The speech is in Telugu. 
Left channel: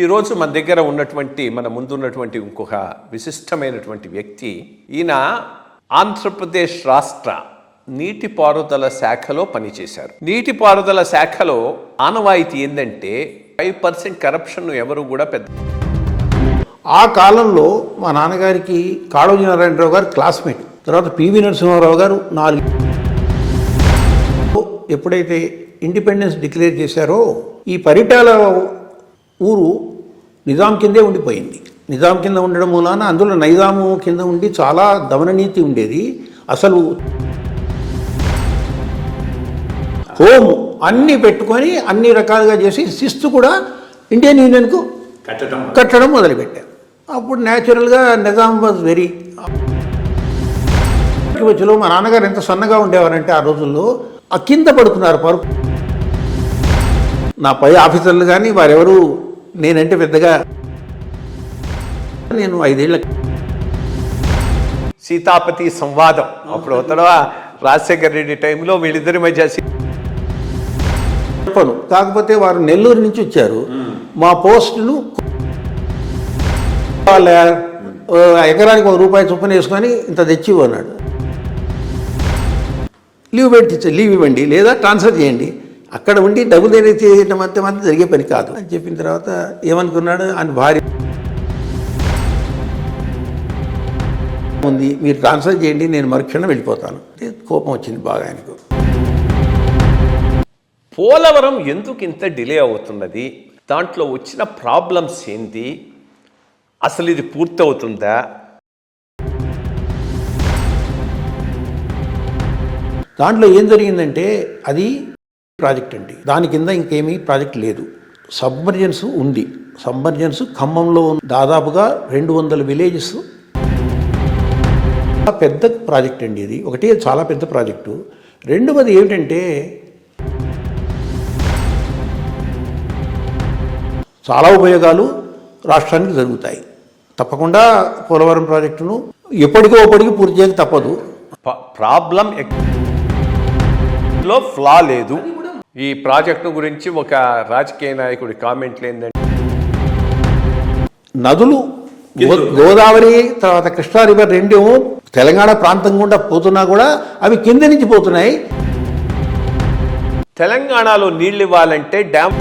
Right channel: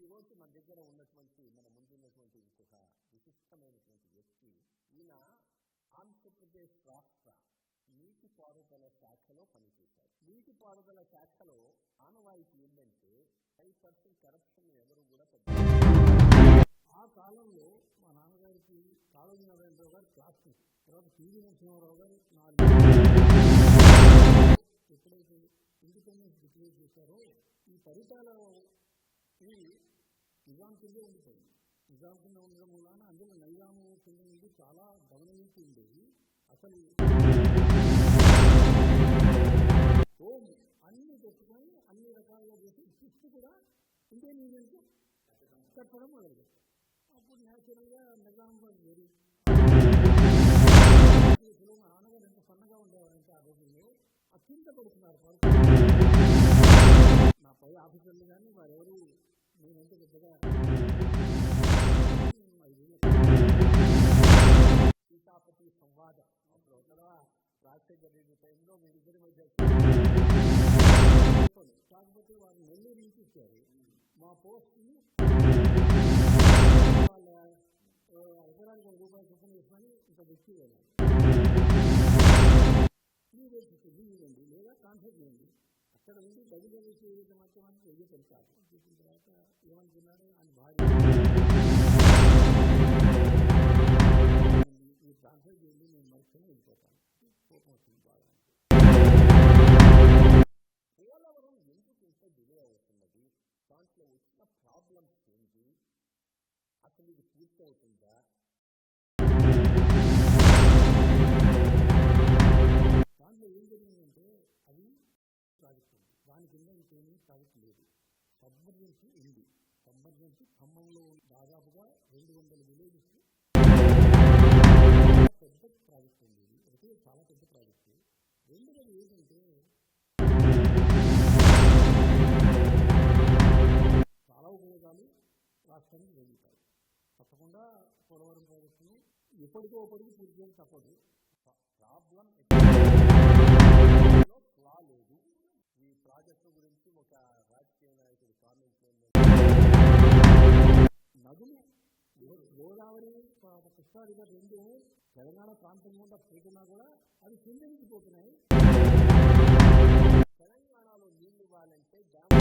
ఈరోజు మన దగ్గర ఉన్నటువంటి మన ముందున్నటువంటి ఇంకొక విశిష్టమైనటువంటి వ్యక్తి, ఈయన ఆంధ్రప్రదేశ్ రాష్ట్ర నీటిపారుదల శాఖలో పనిచేశారు. నీటిపారుదల శాఖలో ఆనవాయితీ ఏంటంటే 5% కరప్షన్ ఎవరు కూడా పెద్ద. ఆ కాలంలో మా నాన్నగారికి కాళోజీ నారాయణరావు గారు క్లాస్మేట్, తర్వాత పివి నరసింహారావు గారు 4 ఎప్పుడైతే ఇండిపెండెన్స్ డిక్లేర్ చేశారో ఈ పరిటాల ఊరు నిజాం కిందే ఉండిపోయింది. నిజాం కింద ఉండడం మూలాన అందులో నైజాము కింద ఉండి చాలా దమననీతి ఉండేది. అసలు హోమ్ అన్నీ పెట్టుకొని అన్ని రకాలుగా చేసి శిస్తు కూడా ఇండియన్ యూనియన్కు కట్టడం మొదలుపెట్టారు. అప్పుడు న్యాచురల్గా నిజాం వాజ్ వెరీ వచ్చలో మా నాన్నగారు ఎంత సన్నగా ఉండేవారంటే ఆ రోజుల్లో ఆ కింద పడుతున్నారు పరుపు. నా పై ఆఫీసర్లు కానీ వారెవరు నేనంటే పెద్దగా, నేను 5 ఏళ్ళ సీతాపతి సంవాదం అప్పుడు తర్వాత రాజశేఖర రెడ్డి టైంలో వీళ్ళిద్దరి మధ్య చెప్పను. కాకపోతే వారు నెల్లూరు నుంచి వచ్చారు. మా పోస్టును ఎకరానికి ₹1 చొప్పున వేసుకొని ఇంత తెచ్చి అన్నాడు. లీవ్ ఇవ్వండి లేదా ట్రాన్స్ఫర్ చేయండి, అక్కడ ఉండి డబ్బులు చేయడం మాత్రం జరిగే పని కాదు అని చెప్పిన తర్వాత ఏమనుకున్నాడు, ఆయన భార్య ఉంది, మీరు ట్రాన్స్ఫర్ చేయండి, నేను మరుక్షణం వెళ్ళిపోతాను. కోపం వచ్చింది బాగా ఆయనకు. పోలవరం ఎందుకు ఇంత డిలే అవుతున్నది, దాంట్లో వచ్చిన ప్రాబ్లమ్స్ ఏంటి, అసలు ఇది పూర్తవుతుందా? దాంట్లో ఏం జరిగిందంటే అది ప్రాజెక్ట్ అండి, దాని కింద ఇంకేమీ ప్రాజెక్ట్ లేదు. సబ్మర్జెన్స్ ఉంది. సబ్మర్జెన్స్ ఖమ్మంలో దాదాపుగా 200 విలేజెస్. పెద్ద ప్రాజెక్ట్ అండి ఇది. ఒకటి చాలా పెద్ద ప్రాజెక్టు. రెండవది ఏమిటంటే చాలా ఉపయోగాలు రాష్ట్రానికి జరుగుతాయి. తప్పకుండా పోలవరం ప్రాజెక్టును ఎప్పటికీ పూర్తి చేయక తప్పదు. ప్రాబ్లం లో ఫ్లా లేదు. ఈ ప్రాజెక్టు గురించి ఒక రాజకీయ నాయకుడి కామెంట్లు ఏంటంటే, నదులు గోదావరి తర్వాత కృష్ణా రివర్ రెండేమో తెలంగాణ ప్రాంతం గుండా పోతున్నా కూడా అవి కింద నుంచి పోతున్నాయి. తెలంగాణలో నీళ్ళు ఇవ్వాలంటే డ్యామ్